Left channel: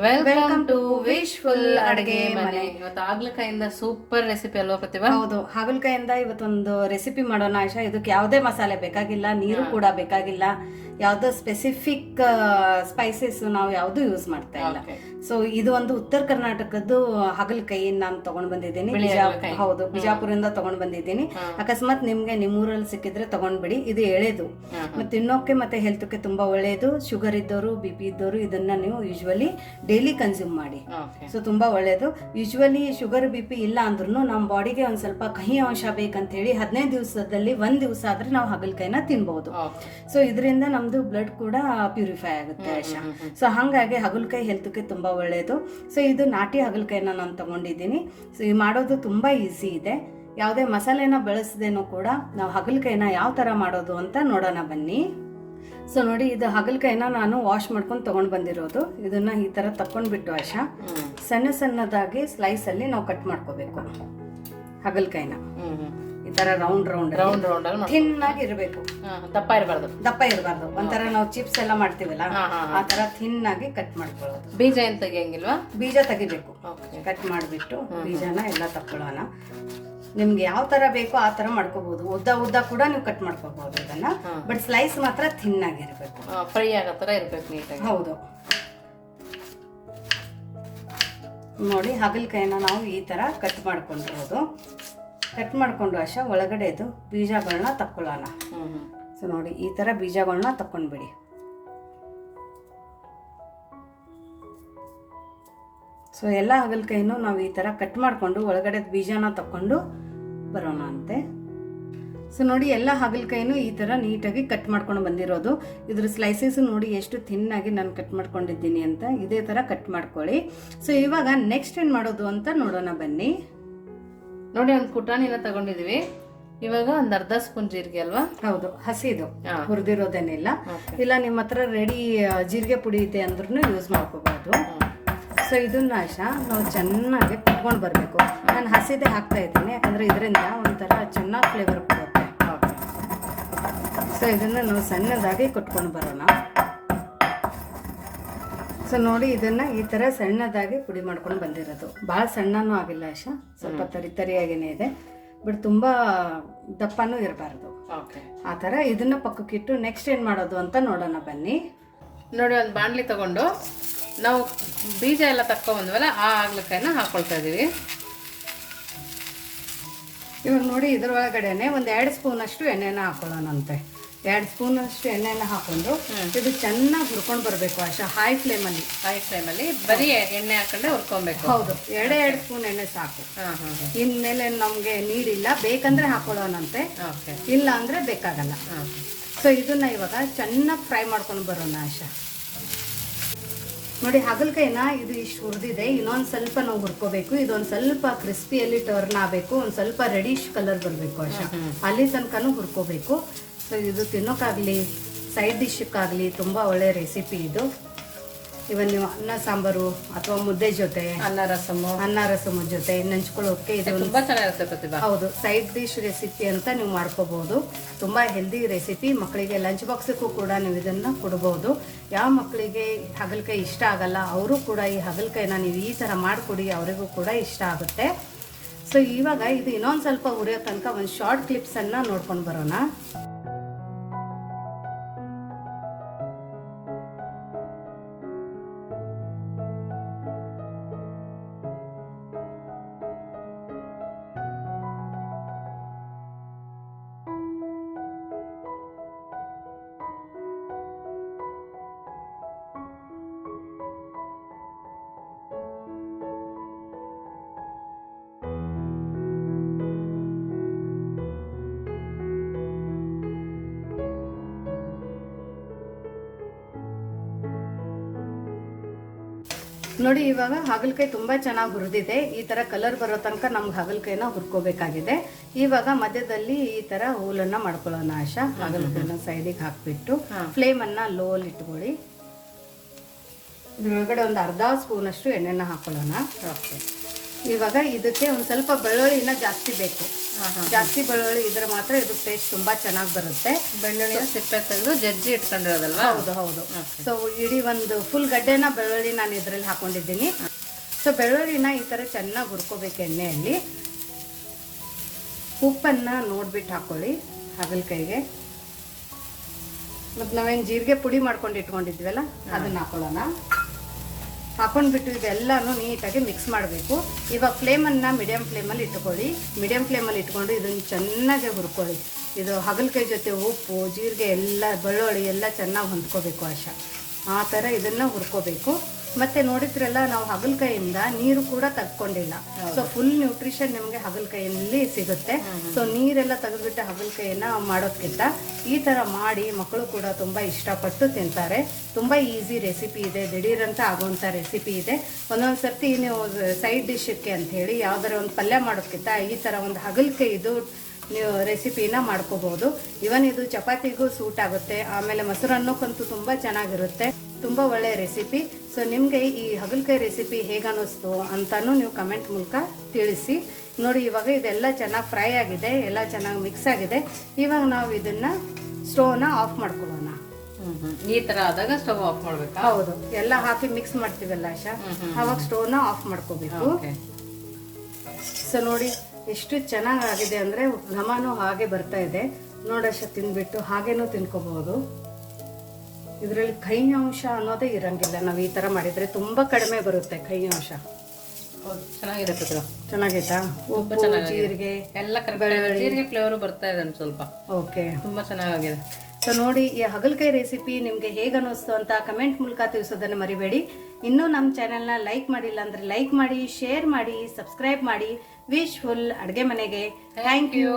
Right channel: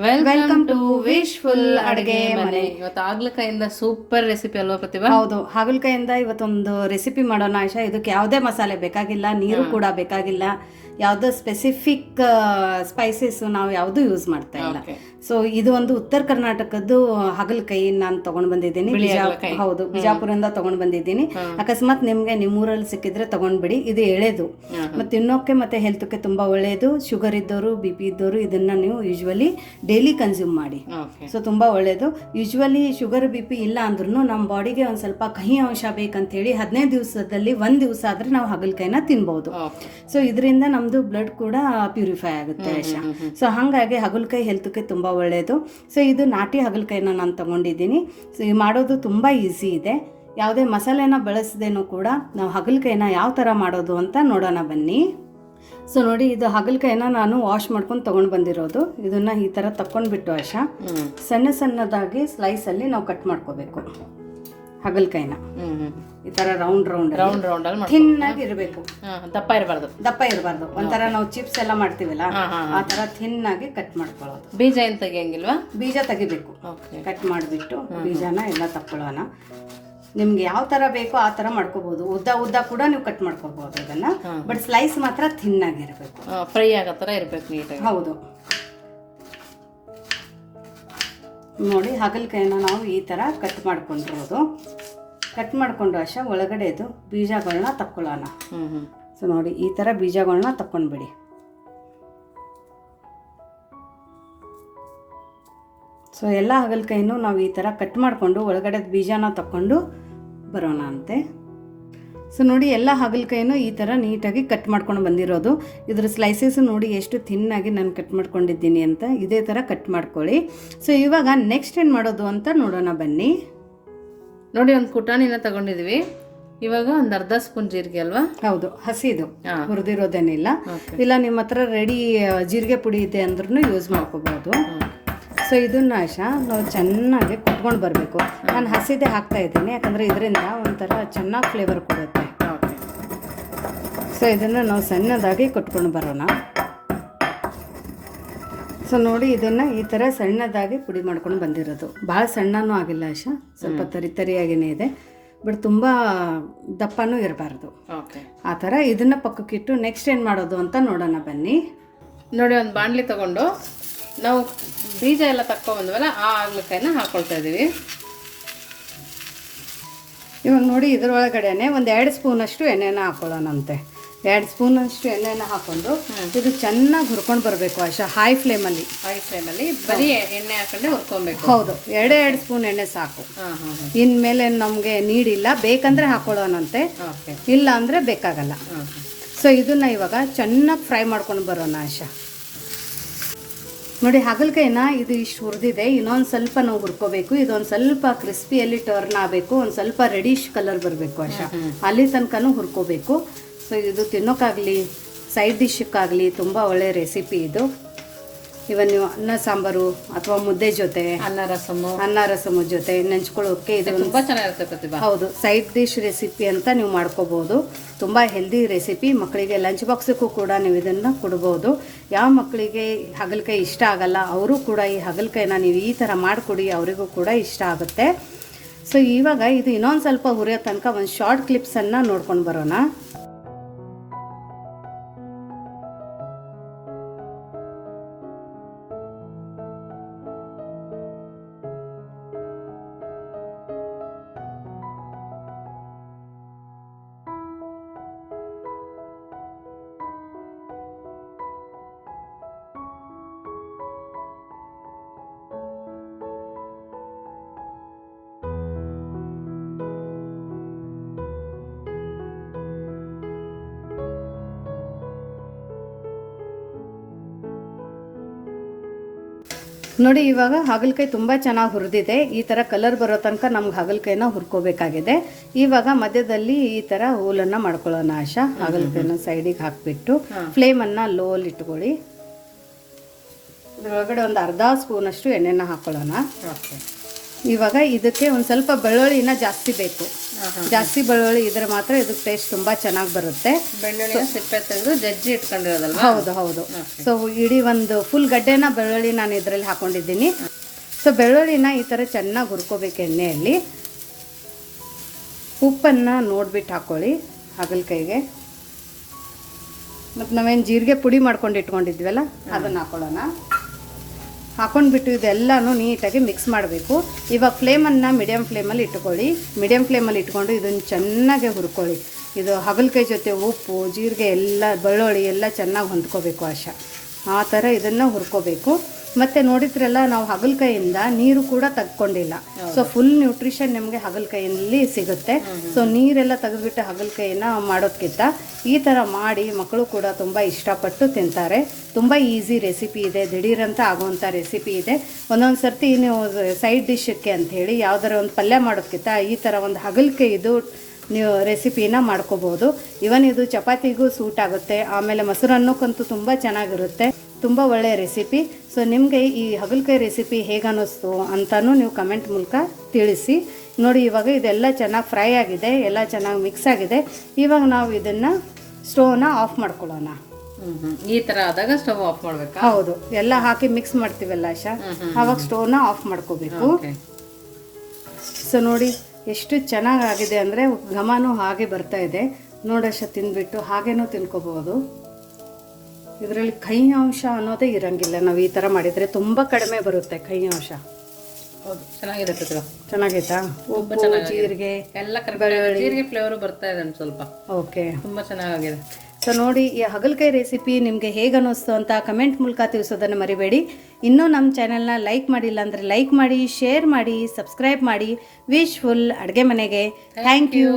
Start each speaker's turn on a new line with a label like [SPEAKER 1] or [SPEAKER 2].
[SPEAKER 1] Welcome to wish full ಅಡುಗೆ ಮನೆ.
[SPEAKER 2] ಇವತ್ತು ಹಾಗಲಕಾಯಿಂದ ಸೂಪರ್ ರೆಸಿಪಿ ಅಲ್ವಾ ಪ್ರತಿಭಾ?
[SPEAKER 1] ಹೌದು ಹಾಗಲಕಾಯಿಂದ ಇವತ್ತೊಂದು ರೆಸಿಪಿ ಮಾಡೋಣ ಆಶಾ. ಇದಕ್ಕೆ ಯಾವುದೇ ಮಸಾಲೆ ಬೇಕಾಗಿಲ್ಲ ನೀರು ಕೂಡ ಬೇಕಾಗಿಲ್ಲ. ಯಾವುದೋ ಸ್ಪೆಸಿಫಿಕ್ ಸ್ಪೈಸಸ್ ನಾವು ಯಾವುದು ಯೂಸ್ ಮಾಡ್ತಾ ಇಲ್ಲ. ಸೊ ಇದು ಒಂದು ಉತ್ತರ ಕರ್ನಾಟಕದ್ದು ಹಗಲಕಾಯಿ ನಾನು ತಗೊಂಡ್ ಬಂದಿದ್ದೀನಿ. ಹೌದು ಬಿಜಾಪುರದಿಂದ ತಗೊಂಡ್ ಬಂದಿದ್ದೀನಿ. ಅಕಸ್ಮಾತ್ ನಿಮ್ಗೆ ನಿಮ್ಮೂರಲ್ಲಿ ಸಿಕ್ಕಿದ್ರೆ ತಗೊಂಡ್ಬಿಡಿ. ಇದು ಎಳೆದು. ಮತ್ತೆ ತಿನ್ನೋಕೆ ಮತ್ತೆ ಹೆಲ್ತ್ಗೆ ತುಂಬಾ ಒಳ್ಳೆಯದು ಶುಗರ್ ಇದ್ದವರು ಬಿ ಪಿ ಇದ್ದವರು ಇದನ್ನ ನೀವು ಯೂಶ್ವಲಿ ಡೈಲಿ ಕನ್ಸ್ಯೂಮ್ ಮಾಡಿ. ಸೊ ತುಂಬಾ ಒಳ್ಳೆಯದು ಯೂಶ್ವಲಿ ಶುಗರ್ ಬಿ ಪಿ ಇಲ್ಲ ಅಂದ್ರೂ ನಮ್ಮ ಬಾಡಿಗೆ ಒಂದು ಸ್ವಲ್ಪ ಕಹಿ ಅಂಶ ಬೇಕಂತ ಹೇಳಿ ಹದಿನೈದು ದಿವಸದಲ್ಲಿ ಒಂದು ದಿವಸ ಆದ್ರೆ ನಾವು ಹಾಗಲಕಾಯಿನ
[SPEAKER 2] ತಿನ್ಬಹುದು
[SPEAKER 1] ಸೊ ಇದರಿಂದ ನಮ್ಮದು ಬ್ಲಡ್ ಕೂಡ ಪ್ಯೂರಿಫೈ ಆಗುತ್ತೆ ಯಶ ಸೊ ಹಾಗಾಗಿ ಹಗಲಕಾಯಿ ಹೆಲ್ತ್ಗೆ ತುಂಬ ಒಳ್ಳೆಯದು ಸೊ ಇದು ನಾಟಿ ಹಗಲ್ಕಾಯಿನ ನಾನು ತಗೊಂಡಿದ್ದೀನಿ. ಸೊ ಇದು ಮಾಡೋದು ತುಂಬ ಈಸಿ ಇದೆ. ಯಾವುದೇ ಮಸಾಲೆನ ಬಳಸದೇನೂ ಕೂಡ ನಾವು ಹಗಲ್ಕಾಯಿನ ಯಾವ ಥರ ಮಾಡೋದು ಅಂತ ನೋಡೋಣ ಬನ್ನಿ. ಸೊ ನೋಡಿ ಇದು ಹಗಲ್ಕಾಯಿನ ನಾನು ವಾಶ್ ಮಾಡ್ಕೊಂಡು ತಗೊಂಡು ಬಂದಿರೋದು. ಇದನ್ನು ಈ ಥರ ತಕ್ಕೊಂಡ್ಬಿಟ್ಟು ಆಶಾ ಸಣ್ಣ ಸಣ್ಣದಾಗಿ ಸ್ಲೈಸಲ್ಲಿ ನಾವು ಕಟ್ ಮಾಡ್ಕೋಬೇಕು. ಹಾಗಲಕಾಯಿನ. ಈ ತರ ರೌಂಡ್ ರೌಂಡ್
[SPEAKER 2] ರೌಂಡ್ ರೌಂಡ್ ಅಲ್ಲಿ
[SPEAKER 1] ಥಿನ್ ಆಗಿ ಇರಬೇಕು.
[SPEAKER 2] ದಪ್ಪ ಇರಬಾರ್ದು.
[SPEAKER 1] ದಪ್ಪ ಇರಬಾರ್ದು. ಒಂಥರ ನಾವು ಚಿಪ್ಸ್ ಎಲ್ಲ ಮಾಡ್ತೀವಲ್ಲ ಆ ತರ ಥಿನ್ ಆಗಿ ಕಟ್ ಮಾಡ್ಕೊಳ್ಳೋದು.
[SPEAKER 2] ಬೀಜ ಏನ್ ತೆಗಿಯಂಗಿಲ್ವಾ?
[SPEAKER 1] ಬೀಜ ತೆಗಿಬೇಕು. ಕಟ್ ಮಾಡಿಬಿಟ್ಟು ಬೀಜನ ಎಲ್ಲ ತಕ್ಕೊಳ್ಳೋಣ. ನಿಮ್ಗೆ ಯಾವ ತರ ಬೇಕೋ ಆ ತರ ಮಾಡ್ಕೋಬಹುದು ಉದ್ದ ಉದ್ದ ಕೂಡ ನೀವು ಕಟ್ ಮಾಡ್ಕೋಬಹುದು ಅದನ್ನ ಬಟ್ ಸ್ಲೈಸ್ ಮಾತ್ರ ಥಿನ್ ಆಗಿರ್ಬೇಕು
[SPEAKER 2] ಫ್ರೈ ಆಗೋ ತರ ಇರ್ಬೇಕು ನೀಟಾಗಿ.
[SPEAKER 1] ಹೌದು. ನೋಡಿ ಹಾಗಲಕಾಯಿನ ನಾವು ಈ ಥರ ಕಟ್ ಮಾಡ್ಕೊಂಡಿರೋದು. ಕಟ್ ಮಾಡ್ಕೊಂಡು ಅಶ ಒಳಗಡೆದು ಬೀಜಗಳನ್ನ ತಕ್ಕೊಳ್ಳೋಣ. ಸೊ ನೋಡಿ ಈ ಥರ ಬೀಜಗಳನ್ನ ತಕ್ಕೊಂಡ್ಬಿಡಿ. ಸೊ ಎಲ್ಲ ಹಾಗಲಕಾಯಿನೂ ನಾವು ಈ ಥರ ಕಟ್ ಮಾಡಿಕೊಂಡು ಒಳಗಡೆ ಬೀಜನ ತಕ್ಕೊಂಡು ಬರೋಣ ಅಂತೆ ಸೊ ನೋಡಿ ಎಲ್ಲ ಹಾಗಲಕಾಯಿನೂ ಈ ಥರ ನೀಟಾಗಿ ಕಟ್ ಮಾಡ್ಕೊಂಡು ಬಂದಿರೋದು. ಇದ್ರ ಸ್ಲೈಸಸ್ ನೋಡಿ ಎಷ್ಟು ಥಿನ್ನಾಗಿ ನಾನು ಕಟ್ ಮಾಡ್ಕೊಂಡಿದ್ದೀನಿ ಅಂತ ಇದೇ ಥರ ಕಟ್ ಮಾಡ್ಕೊಳ್ಳಿ. ಸೊ ಇವಾಗ ನೆಕ್ಸ್ಟ್ ಏನು ಮಾಡೋದು ಅಂತ ನೋಡೋಣ ಬನ್ನಿ.
[SPEAKER 2] ನೋಡಿ ಒಂದು ಪುಟಾಣಿನ ತಗೊಂಡಿದ್ವಿ. ಇವಾಗ ಒಂದು ಅರ್ಧ ಸ್ಪೂನ್ ಜೀರಿಗೆ ಅಲ್ವಾ?
[SPEAKER 1] ಹೌದು ಹಸಿದು. ಹುರಿದಿರೋದೇನಿಲ್ಲ. ಇಲ್ಲ ನಿಮ್ಮ ಹತ್ರ ರೆಡಿ ಜೀರಿಗೆ ಪುಡಿ ಇದೆ ಅಂದ್ರೂ ಯೂಸ್ ಮಾಡ್ಕೋಬಹುದು ಸೊ ಇದನ್ನ ಆಶಾ ನಾವು ಚೆನ್ನಾಗಿ ಕುಟ್ಕೊಂಡು ಬರಬೇಕು. ನಾನು ಹಸಿದೆ ಹಾಕ್ತಾ ಇದ್ದೀನಿ ಯಾಕಂದ್ರೆ ಇದರಿಂದ ಒಂಥರ ಚೆನ್ನಾಗಿ ಫ್ಲೇವರ್ ಕೊಡುತ್ತೆ. ಸೊ ಇದನ್ನು ನಾವು ಸಣ್ಣದಾಗಿ ಕೊಟ್ಕೊಂಡು ಬರೋಣ. ಸೊ ನೋಡಿ ಇದನ್ನು ಈ ಥರ ಸಣ್ಣದಾಗಿ ಪುಡಿ ಮಾಡ್ಕೊಂಡು ಬಂದಿರೋದು. ಭಾಳ ಸಣ್ಣನೂ ಆಗಿಲ್ಲ ಆಶ ಸ್ವಲ್ಪ ತರಿ ತರಿಯಾಗಿನೇ ಇದೆ. ಬಟ್ ತುಂಬ ದಪ್ಪನೂ ಇರಬಾರ್ದು.
[SPEAKER 2] ಓಕೆ
[SPEAKER 1] ಆ ಥರ ಇದನ್ನು ಪಕ್ಕಕ್ಕಿಟ್ಟು ನೆಕ್ಸ್ಟ್ ಏನು ಮಾಡೋದು ಅಂತ ನೋಡೋಣ ಬನ್ನಿ.
[SPEAKER 2] ನೋಡಿ ಒಂದು ಬಾಣಲಿ ತಗೊಂಡು ನಾವು ಬೀಜ ಎಲ್ಲ ತಕ್ಕೊಂಬಂದ್ಮೇಲೆ ಆ ಆಗ್ಲಕಾಯಿನ ಹಾಕೊಳ್ತಾ ಇದ್ದೀವಿ
[SPEAKER 1] ಇವಾಗ ನೋಡಿ ಇದ್ರೊಳಗಡೆನೆ ಒಂದು ಎರಡು ಸ್ಪೂನಷ್ಟು ಎಣ್ಣೆನ ಹಾಕೊಳ್ಳೋಣಂತೆ. ಎರಡು ಸ್ಪೂನಷ್ಟು ಎಣ್ಣೆನ ಹಾಕೊಂಡು ಇದು ಚೆನ್ನಾಗಿ ಹುರ್ಕೊಂಡು ಬರಬೇಕು ಆಶಾ ಹೈ ಫ್ಲೇಮಲ್ಲಿ
[SPEAKER 2] ಹೈ ಫ್ಲೇಮಲ್ಲಿ ಬರೀ ಎಣ್ಣೆ ಹಾಕೊಂಡೆ ಹುರ್ಕೊಬೇಕು.
[SPEAKER 1] ಹೌದು ಎರಡೇ ಎರಡು ಸ್ಪೂನ್ ಎಣ್ಣೆ ಸಾಕು. ಇನ್ಮೇಲೆ ನಮಗೆ ನೀಡಿಲ್ಲ ಬೇಕಂದ್ರೆ ಹಾಕೊಳ್ಳೋಣಂತೆ. ಇಲ್ಲ ಅಂದರೆ ಬೇಕಾಗಲ್ಲ. ಸೊ ಇದನ್ನ ಇವಾಗ ಚೆನ್ನಾಗಿ ಫ್ರೈ ಮಾಡ್ಕೊಂಡು ಬರೋಣ ಆಶಾ. ನೋಡಿ ಹಾಗಲಕಾಯಿನ ಇದು ಇಷ್ಟು ಹುರಿದಿದೆ ಇನ್ನೊಂದು ಸ್ವಲ್ಪ ನಾವು ಹುರ್ಕೋಬೇಕು ಇದೊಂದು ಸ್ವಲ್ಪ ಕ್ರಿಸ್ಪಿಯಲ್ಲಿ ಟರ್ನ್ ಆಗಬೇಕು ಒಂದು ಸ್ವಲ್ಪ ರೆಡಿಶ್ ಕಲರ್ ಬರಬೇಕು ಆಶಾ. ಅಲ್ಲಿ ತನಕನೂ ಹುರ್ಕೋಬೇಕು. ಸೊ ಇದು ತಿನ್ನೋಕ್ಕಾಗಲಿ ಸೈಡ್ ಡಿಶ್ಕ್ಕಾಗಲಿ ತುಂಬ ಒಳ್ಳೆಯ ರೆಸಿಪಿ ಇದು. ಇವನ್ ನೀವು ಅನ್ನ ಸಾಂಬಾರು ಅಥವಾ ಮುದ್ದೆ ಜೊತೆ
[SPEAKER 2] ಅನ್ನ ರಸಮ್.
[SPEAKER 1] ಅನ್ನ ರಸಮ ಜೊತೆ ನೆಂಚ್ಕೊಳ್ಳೋಕೆ ಇದು
[SPEAKER 2] ತುಂಬ ಚೆನ್ನಾಗಿರುತ್ತೆ ಪ್ರತಿಭಾ.
[SPEAKER 1] ಹೌದು ಸೈಡ್ ಡಿಶ್ ರೆಸಿಪಿ ಅಂತ ನೀವು ಮಾಡ್ಕೋಬಹುದು ತುಂಬ ಹೆಲ್ದಿ ರೆಸಿಪಿ ಮಕ್ಕಳಿಗೆ ಲಂಚ್ ಬಾಕ್ಸಕ್ಕೂ ಕೂಡ ನೀವು ಇದನ್ನು ಕೊಡ್ಬೋದು. ಯಾವ ಮಕ್ಕಳಿಗೆ ಹಾಗಲಕಾಯಿ ಇಷ್ಟ ಆಗಲ್ಲ ಅವರು ಕೂಡ ಈ ಹಾಗಲಕಾಯಿನ ನೀವು ಈ ಥರ ಮಾಡಿಕೊಡಿ ಅವರಿಗೂ ಕೂಡ ಇಷ್ಟ ಆಗುತ್ತೆ. ಸೊ ಇವಾಗ ಇದು ಇನ್ನೊಂದು ಸ್ವಲ್ಪ ಹುರಿಯೋ ತನಕ ಒಂದು ಶಾರ್ಟ್ ಕ್ಲಿಪ್ಸನ್ನು ನೋಡ್ಕೊಂಡು ಬರೋಣ. ನೋಡಿ ಇವಾಗ ಹಾಗಲಕಾಯಿ ತುಂಬ ಚೆನ್ನಾಗಿ ಹುರಿದಿದೆ. ಈ ಥರ ಕಲರ್ ಬರೋ ತನಕ ನಮ್ಗೆ ಹಾಗಲಕಾಯಿನ ಹುರ್ಕೋಬೇಕಾಗಿದೆ. ಇವಾಗ ಮಧ್ಯದಲ್ಲಿ ಈ ಥರ ಹೂಲನ್ನು ಮಾಡ್ಕೊಳ್ಳೋಣ ಆಶಾ. ಹಾಗಲಕಾಯಿನ ಸೈಡಿಗೆ ಹಾಕಿಬಿಟ್ಟು ಫ್ಲೇಮನ್ನು ಲೋಲ್ಲಿ ಇಟ್ಕೊಳ್ಳಿ. ಇದ್ರೊಳಗಡೆ ಒಂದು ಅರ್ಧ ಸ್ಪೂನಷ್ಟು ಎಣ್ಣೆನ ಹಾಕೊಳ್ಳೋಣ. ಇವಾಗ ಇದಕ್ಕೆ ಒಂದು ಸ್ವಲ್ಪ ಬೆಳ್ಳುಳ್ಳಿನ ಜಾಸ್ತಿ ಬೇಕು. ಜಾಸ್ತಿ ಬೆಳ್ಳುಳ್ಳಿ ಇದ್ರೆ ಮಾತ್ರ ಇದು ಟೇಸ್ಟ್ ತುಂಬಾ ಚೆನ್ನಾಗಿ ಬರುತ್ತೆ.
[SPEAKER 2] ಬೆಳ್ಳುಳ್ಳಿ ಸಿಪ್ಪೆ ತೆಗೆದು ಜಜ್ಜಿ ಇಟ್ಕೊಂಡಿರೋದಲ್ವಾ?
[SPEAKER 1] ಹೌದು ಹೌದು. ಸೊ ಇಡೀ ಒಂದು ಫುಲ್ ಗಡ್ಡೆನ ಬೆಳ್ಳುಳ್ಳಿ ನಾನು ಇದರಲ್ಲಿ ಹಾಕೊಂಡಿದ್ದೀನಿ. ಸೊ ಬೆಳ್ಳುಳ್ಳಿನ ಈ ತರ ಚೆನ್ನಾಗಿ ಹುರ್ಕೋಬೇಕು ಎಣ್ಣೆಯಲ್ಲಿ. ಉಪ್ಪನ್ನ ನೋಡ್ಬಿಟ್ಟು ಹಾಕ್ಕೊಳ್ಳಿ ಹಾಗಲಕಾಯಿಗೆ ಮತ್ತು ನಾವೇನು ಜೀರಿಗೆ ಪುಡಿ ಮಾಡ್ಕೊಂಡು ಇಟ್ಕೊಂಡಿದ್ವಲ್ಲ ಅದನ್ನು ಹಾಕೊಳ್ಳೋಣ. ಹಾಕೊಂಡ್ಬಿಟ್ಟು ಇದೆಲ್ಲನೂ ನೀಟಾಗಿ ಮಿಕ್ಸ್ ಮಾಡಬೇಕು. ಇವಾಗ ಫ್ಲೇಮನ್ನು ಮೀಡಿಯಮ್ ಫ್ಲೇಮಲ್ಲಿ ಇಟ್ಕೊಳ್ಳಿ. ಮೀಡಿಯಮ್ ಫ್ಲೇಮಲ್ಲಿ ಇಟ್ಕೊಂಡು ಇದನ್ನು ಚೆನ್ನಾಗಿ ಹುರ್ಕೊಳ್ಳಿ. ಇದು ಹಾಗಲಕಾಯಿ ಜೊತೆ ಉಪ್ಪು, ಜೀರಿಗೆ ಎಲ್ಲ, ಬೆಳ್ಳುಳ್ಳಿ ಎಲ್ಲ ಚೆನ್ನಾಗಿ ಹೊಂದ್ಕೋಬೇಕು ಆಶಾ. ಆ ಥರ ಇದನ್ನು ಹುರ್ಕೋಬೇಕು. ಮತ್ತು ನೋಡಿದ್ರೆಲ್ಲ ನಾವು ಹಾಗಲಕಾಯಿಂದ ನೀರು ಕೂಡ ತಗೊಂಡಿಲ್ಲ ಸೊ ಫುಲ್ ನ್ಯೂಟ್ರಿಷನ್ ನಿಮಗೆ ಹಾಗಲಕಾಯಲ್ಲಿ ಸಿಗುತ್ತೆ. ಸೊ ನೀರೆಲ್ಲ ತೆಗೆದ್ಬಿಟ್ಟು ಹಾಗಲಕಾಯಿನ ಮಾಡೋದ್ಕಿಂತ ಈ ಥರ ಮಾಡಿ ಮಕ್ಕಳು ಕೂಡ ತುಂಬ ಇಷ್ಟಪಟ್ಟು ತಿಂತಾರೆ. ತುಂಬ ಈಸಿ ರೆಸಿಪಿ ಇದೆ. ದಿಢೀರಂತ ಆಗುವಂಥ ರೆಸಿಪಿ ಇದೆ. ಒಂದೊಂದು ಸರ್ತಿ ನೀವು ಸೈಡ್ ಡಿಶಕ್ಕೆ ಹೇಳಿ ಯಾವ್ದಾರ ಒಂದು ಪಲ್ಯ ಮಾಡೋದಕ್ಕಿಂತ ಈ ಥರ ಒಂದು ಹಾಗಲಕಾಯಿದು ನೀವು ರೆಸಿಪಿನ ಮಾಡ್ಕೋಬೋದು. ಇವನ್ ಇದು ಚಪಾತಿಗೂ ಸೂಟ್ ಆಗುತ್ತೆ. ಆಮೇಲೆ ಮೊಸರನ್ನಕ್ಕಂತೂ ತುಂಬ ಚೆನ್ನಾಗಿರುತ್ತೆ. ತುಂಬ ಒಳ್ಳೆಯ ರೆಸಿಪಿ ಸೊ ನಿಮಗೆ ಈ ಹಗಲಕಾಯಿ ರೆಸಿಪಿ ಹೇಗೆ ಅನ್ನಿಸ್ತು ಅಂತಲೂ ನೀವು ಕಮೆಂಟ್ ಮೂಲಕ ತಿಳಿಸಿ. ನೋಡಿ ಇವಾಗ ಇದೆಲ್ಲ ಚೆನ್ನಾಗಿ ಫ್ರೈ ಆಗಿದೆ ಎಲ್ಲ ಚೆನ್ನಾಗಿ ಮಿಕ್ಸ್ ಆಗಿದೆ. ಇವಾಗ ನಾವು ಇದನ್ನು ಸ್ಟೋವ್ನ ಆಫ್ ಮಾಡ್ಕೊಳ್ಳೋಣ.
[SPEAKER 2] ಈ ತರ ಆದಾಗ ಸ್ಟೋವ್ ಆಫ್ ಮಾಡ್ಬೇಕು?
[SPEAKER 1] ಹೌದು. ಎಲ್ಲ ಹಾಕಿ ಮಿಕ್ಸ್ ಮಾಡ್ತೀವಲ್ಲ ಆಶಾ? ಆವಾಗ ಸ್ಟೋವ್ನ ಆಫ್ ಮಾಡ್ಕೋಬೇಕು. ಸೊ ನೋಡಿ ಎಷ್ಟು ಚೆನ್ನಾಗಾಗಿದೆ ಅಂದರೆ ಘಮನೂ ಹಾಗೆ ಬರ್ತಾ ಇದೆ. ನೋಡಶ ತಿಂದುಬಿಟ್ಟು ಹಾಗೇನೂ ತಿನ್ಕೋಬಹುದು ಇದರಲ್ಲಿ ಕೈ ಅಂಶ ಅನ್ನೋದೇ ಇರಂಗಿಲ್ಲ. ನಾವು ಈ ಥರ ಮಾಡಿದರೆ ತುಂಬ ಕಡಿಮೆ ಬರುತ್ತೆ ಕೈ ಅಂಶ.
[SPEAKER 2] ಹೌದು ಚೆನ್ನಾಗಿರುತ್ತೆ.
[SPEAKER 1] ಚೆನ್ನಾಗೈತಾ? ಉಪ್ಪು ಜೀರಿಗೆ
[SPEAKER 2] ಎಲ್ಲ ಕರೆಕ್ಟ್ ಜೀರಿಗೆ ಫ್ಲೇವರು ಬರ್ತಾ ಇದೆ ಸ್ವಲ್ಪ.
[SPEAKER 1] ಓಕೆ.
[SPEAKER 2] ತುಂಬ ಚೆನ್ನಾಗಿದೆ
[SPEAKER 1] ಸೊ ನೋಡಿ ಈ ಹಾಗಲಕಾಯಿ ರೆಸಿಪಿ ನಿಮಗೆ ಹೇಗೆ ಅನ್ನಿಸ್ತು ಅಂತ ಕಮೆಂಟ್ ಮೂಲಕ ತಿಳಿಸೋದನ್ನು ಮರಿಬೇಡಿ. ಇನ್ನೂ ನಮ್ಮ ಚಾನೆಲ್ನ ಲೈಕ್ ಮಾಡಿಲ್ಲ ಅಂದರೆ ಲೈಕ್ ಮಾಡಿ ಶೇರ್ ಮಾಡಿ ಸಬ್ಸ್ಕ್ರೈಬ್ ಮಾಡಿ. ವಿಶ್ ಫುಲ್ ಅಡುಗೆ ಮನೆಗೆ. Thank you